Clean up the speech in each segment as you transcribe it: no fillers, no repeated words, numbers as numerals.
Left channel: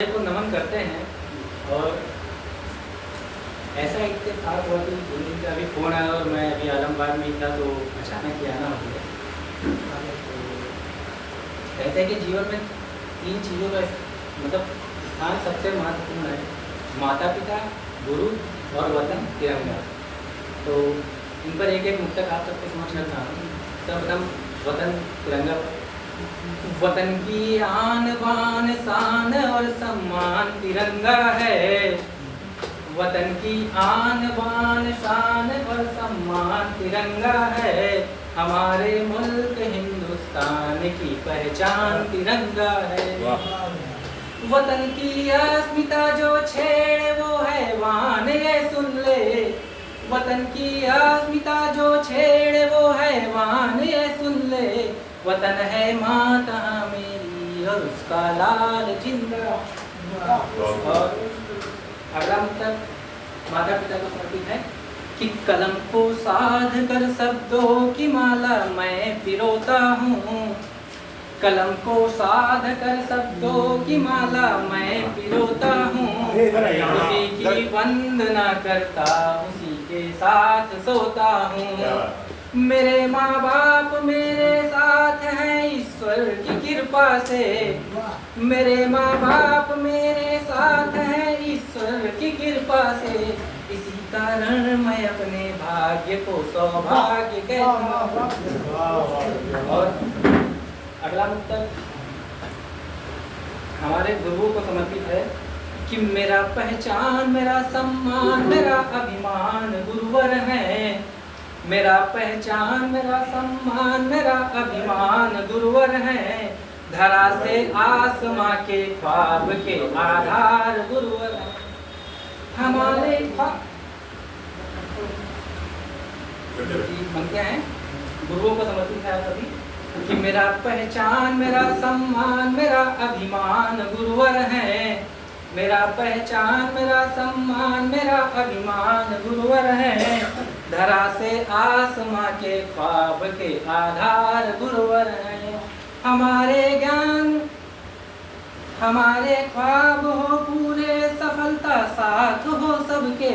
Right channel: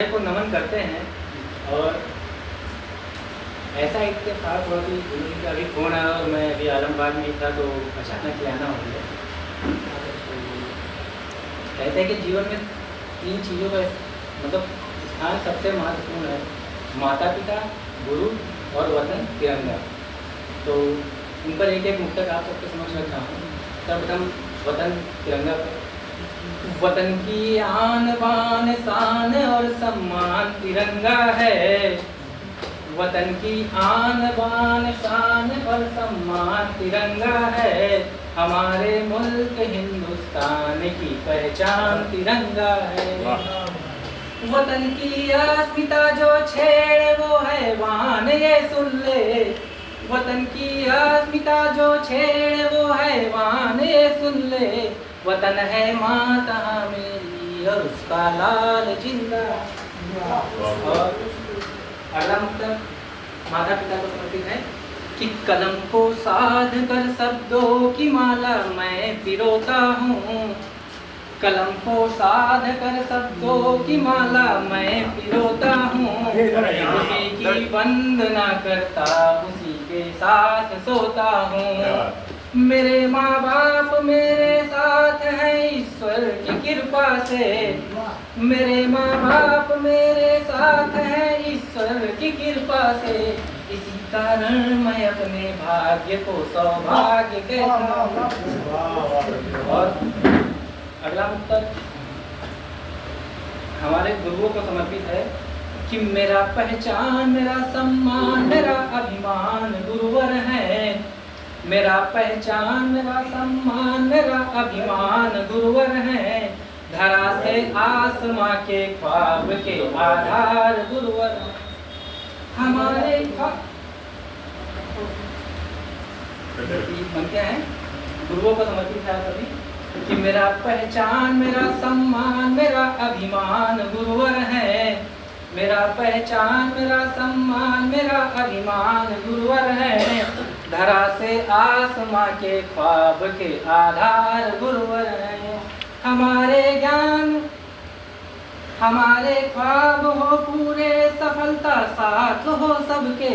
को नमन करते हैं। और ऐसा इत्तेफाक हुआ कि गुरु जी का अभी फ़ोन आया और मैं अभी आलमबाग में ही था, तो अचानक ही आना हो गया। तो कहते हैं कि जीवन में 3 चीज़ों का मतलब स्थान सबसे महत्वपूर्ण है, माता पिता, गुरु और वतन तिरंगा। तो इन पर एक एक मुक्तक आप सबके समझ रखता हूँ। सर्वप्रथम वतन तिरंगा पर। वतन की आन बान शान और सम्मान तिरंगा है। वतन की आन बान शान और सम्मान तिरंगा है। हमारे मुल्क हिंदुस्तान की पहचान तिरंगा है। वतन की अस्मिता जो छेड़े वो हैवान ये सुन ले। वतन की अस्मिता जो छेड़े वो हैवान ये सुन ले। वतन है माता मेरी और उसका लाल जिंदा। और अगला मुक्तक माता पिता को समर्पित है कि कलम को साध कर शब्दों की माला मैं पिरोता हूँ। कलम को साध कर शब्दों की माला मैं पिरोता हूँ। उसी की वंदना करता उसी के साथ सोता हूँ। मेरे माँ बाप मेरे साथ हैं ईश्वर की कृपा से। मेरे माँ बाप मेरे साथ हैं ईश्वर की कृपा से। इसी कारण मैं अपने भाग्य को सौभाग्य कहता हूँ। और अगला मुक्तक हमारे गुरुओं को समर्पित है कि मेरा पहचान मेरा सम्मान मेरा अभिमान गुरुवर है। मेरा पहचान मेरा सम्मान मेरा अभिमान गुरुवर है। धरा से आसमां के ख्वाब के आधार गुरुवर है। हमारे बनते हैं गुरुओं को समर्पित है सभी कि मेरा पहचान मेरा सम्मान मेरा अभिमान गुरुवर है। मेरा पहचान मेरा सम्मान मेरा अभिमान गुरुवर है। धरा से आसमां के ख्वाब के आधार गुरुवर है। हमारे ज्ञान हमारे ख्वाब हो पूरे सफलता साथ हो सबके।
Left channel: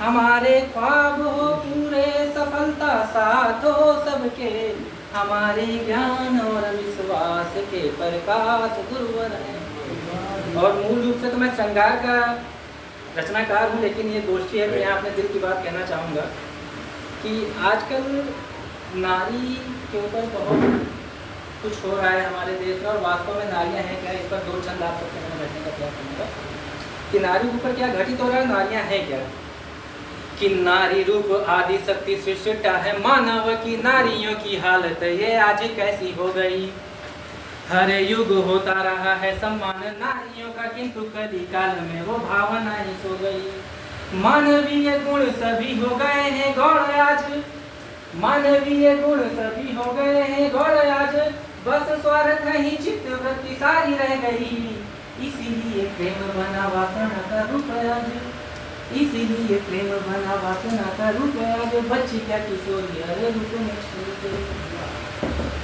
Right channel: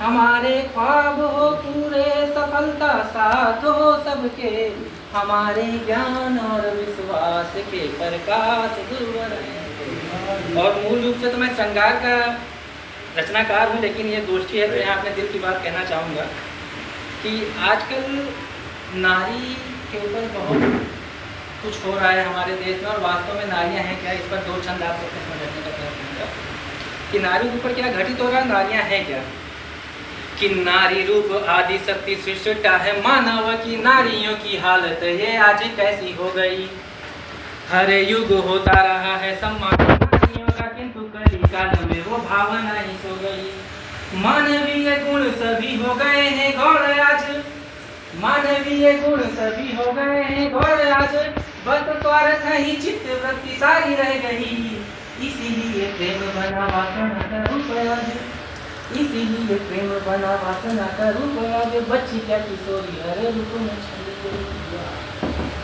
हमारे ख्वाब हो पूरे सफलता साथ हो सबके। हमारे ज्ञान और विश्वास के प्रकाश गुरुवर है। और मूल रूप से तो मैं श्रृंगार का रचनाकार हूँ, लेकिन ये दोस्ती है तो यहाँ अपने दिल की बात कहना चाहूँगा कि आजकल नारी के ऊपर बहुत कुछ हो रहा है हमारे देश में। और वास्तव में नारियाँ हैं क्या, इस पर 2 छंद आप सबके सामने रखने का प्रयास करूँगा कि नारी के ऊपर क्या घटित हो रहा है, नारियाँ हैं क्या। कि नारी रूप आदि शक्ति सृष्टा है मानव की नारियों की हालत ये आज कैसी हो गई। हर युग होता रहा है सम्मान नारियों का, किंतु कली काल में वो भावना ही सो गई। मानवीय गुण सभी हो गए हैं गौर आज। मानवीय गुण सभी हो गए हैं गौर आज। बस स्वार्थ ही चित्त वृत्ति सारी रह गई। इसीलिए प्रेम बना वासना का रूप आज। इसीलिए प्रेम बना वासना का रूप आज। बच्ची क्या किशोरी हर रूप में छल गई।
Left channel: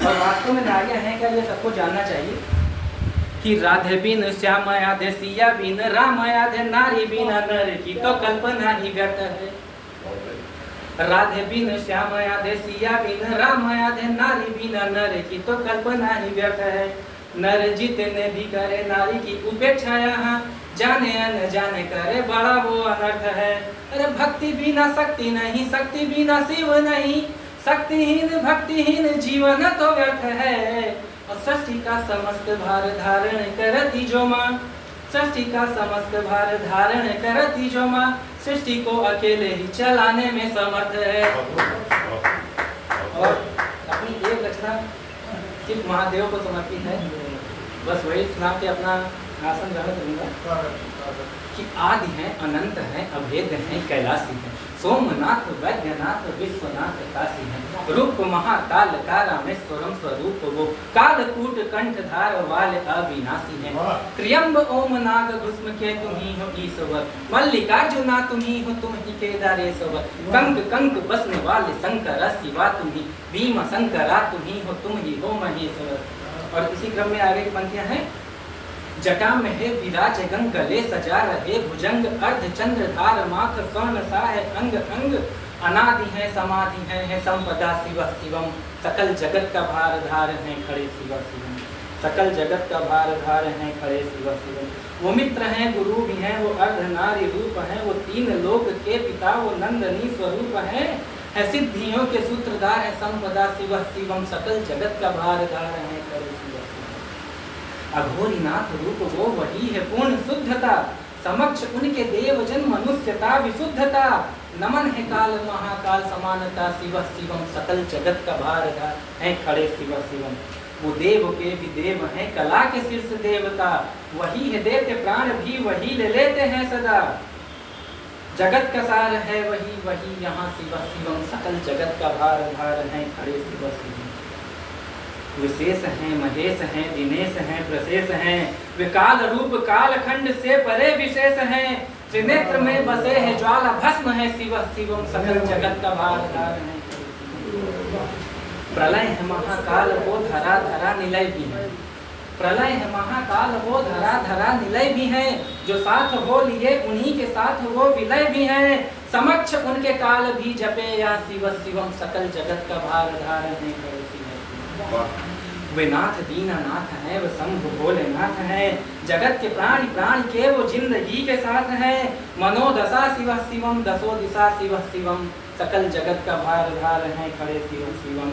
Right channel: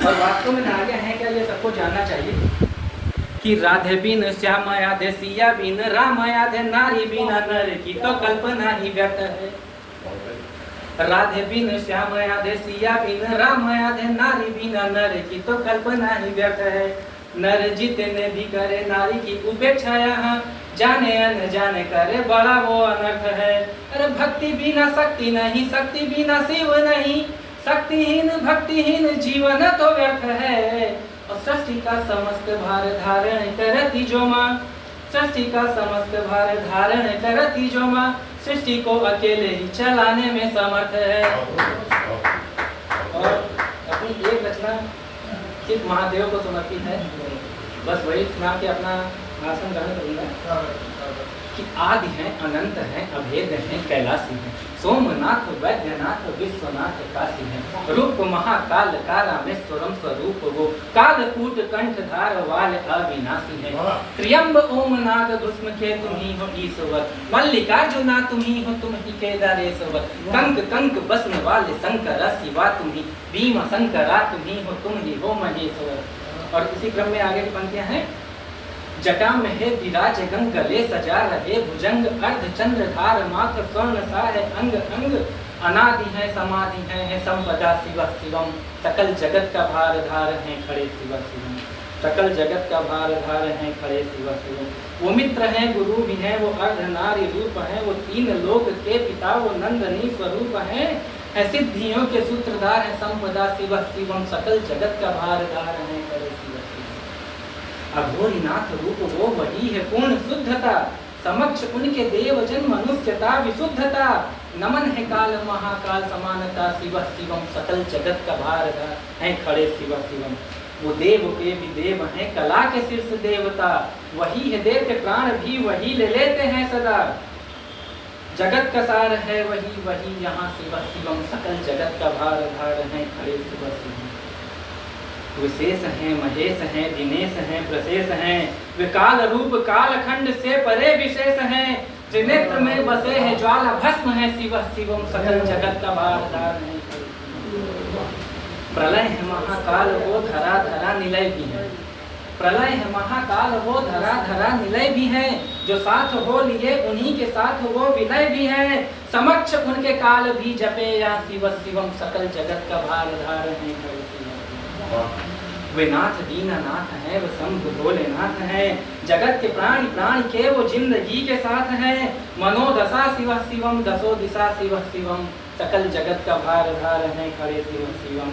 और वास्तव में नारियाँ हैं क्या, ये सबको जानना चाहिए कि राधे बिन श्याम आधे सिया बिन राम आधे नारी बिना नर की तो कल्पना ही व्यर्थ है। राधे बिन श्याम आधे सिया बिन राम आधे नारी बिना नर की तो कल्पना ही व्यर्थ है। नर जितने भी करे नारी की उपेक्षा यहाँ जाने अनजाने करे बड़ा वो अनर्थ है। अरे भक्ति बिना शक्ति नहीं शक्ति बिना शिव नहीं। शक्तिहीन भक्तिहीन जीवन तो व्यर्थ है। और सृष्टि का समस्त भार धारण करती जो माँ। सृष्टि का समस्त भार धारण करती जो माँ। सृष्टि को अकेले ही चलाने में समर्थ है। और अपनी एक रचना सिर्फ महादेव को समर्पित है, बस वही सुना के अपना आसन ग्रहण करूँगा कि आदि हैं अनंत हैं अभेद हैं कैलाशी हैं। सोमनाथ वैद्यनाथ विश्वनाथ काशी हैं। रूप महाकाल कारामेश्वरम स्वरूप वो। कालकूट कंठधार वाले अविनाशी हैं। त्र्यंब ओम नाग भस्म के तुम ही हो ईश्वर। मल्लिकार्जुना तुम ही हो तुम ही केदारेश्वर। कंक कंक बसने वाले शंकर शिवा तुम ही। भीम शंकरा तुम ही हो तुम ही हो महेश्वर। और इसी क्रम में आगे की पंक्तियां हैं जटा में है विराज गंग, गले सजा रहे भुजंग, अर्ध चंद्रधार मात्र स्वर्ण सा है अंग अंग। अनादि है समाधि है संपदा शिव शिवम, सकल जगत का भार धार है खड़े शिव शिवम, सकल जगत का भार धार है खड़े शिव शिवम। वो मित्र हैं गुरु भी हैं, वो अर्ध नारी रूप हैं, वो तीन लोक के पिता, वो नंदनी स्वरूप हैं, है सिद्धियों के सूत्रधार है संपदा शिव शिवम, सकल जगत का भार धार है खड़े शिव शिवम। अघोरीनाथ रूप वो वही है पूर्ण शुद्धता, समक्ष उनके देव जन मनुष्यता विशुद्धता। नमन है काल महाकाल समानता, शिव शिवम सकल जगत का भार धार है खड़े शिव शिवम। वो देव के भी देव हैं, कला के शीर्ष देवता, वही है देते प्राण भी वही ले लेते हैं सदा। जगत का सार है वही वही यहाँ शिव शिवम, सकल जगत का भार धार है खड़े शिव शिवम। विशेष हैं महेश हैं दिनेश हैं प्रशेष हैं, वे काल रूप कालखंड से परे विशेष हैं। त्रिनेत्र में बसे हैं ज्वाला भस्म है शिव शिवम, सकल जगत का भार धार है। प्रलय है महाकाल वो धरा धरा निलय भी है, प्रलय है महाकाल वो धरा धरा निलय भी है। जो साथ हो लिए उन्हीं के साथ वो विलय भी है, समक्ष उनके काल भी जपे या शिव शिवम, सकल जगत का भार धार है। वे नाथ दीनानाथ है, वे शंभु भोलेनाथ है, जगत के प्राणी प्राणी के वो जिंदगी के साथ है। मनोदशा शिव शिवम, दसो दिशा शिव शिवम, सकल जगत का भार धार है खड़े शिव शिवम।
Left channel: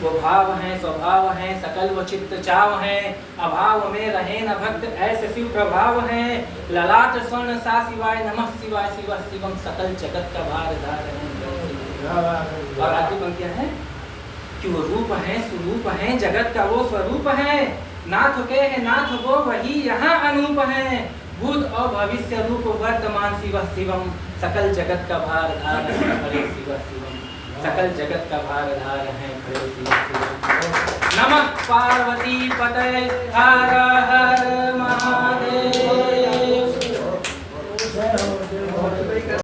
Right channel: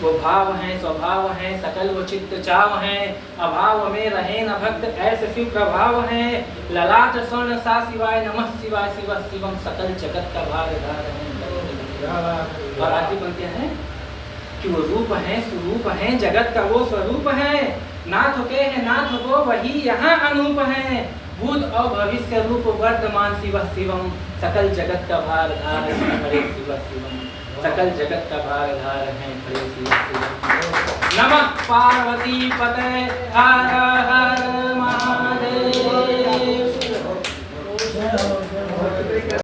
वो भाव है स्वभाव है, सकल वो चित्त चाव है, अभाव में रहे न भक्त ऐसे शिव प्रभाव है। ललाट स्वर्ण सा शिवाय नमः शिवाय शिव शिवम, सकल जगत का भार धार है। और आगे बोलते हैं कि वो रूप है स्वरूप है, जगत का वो स्वरूप है। नाथ के है नाथ वो वही यहाँ अनूप है, भूत और भविष्य रूप वर्तमान शिव शिवम, सकल जगत का भार धार है खड़े शिव शिवम, सकल जगत का भार धार है खड़े शिव शिवम। नमः पार्वती पते हर हर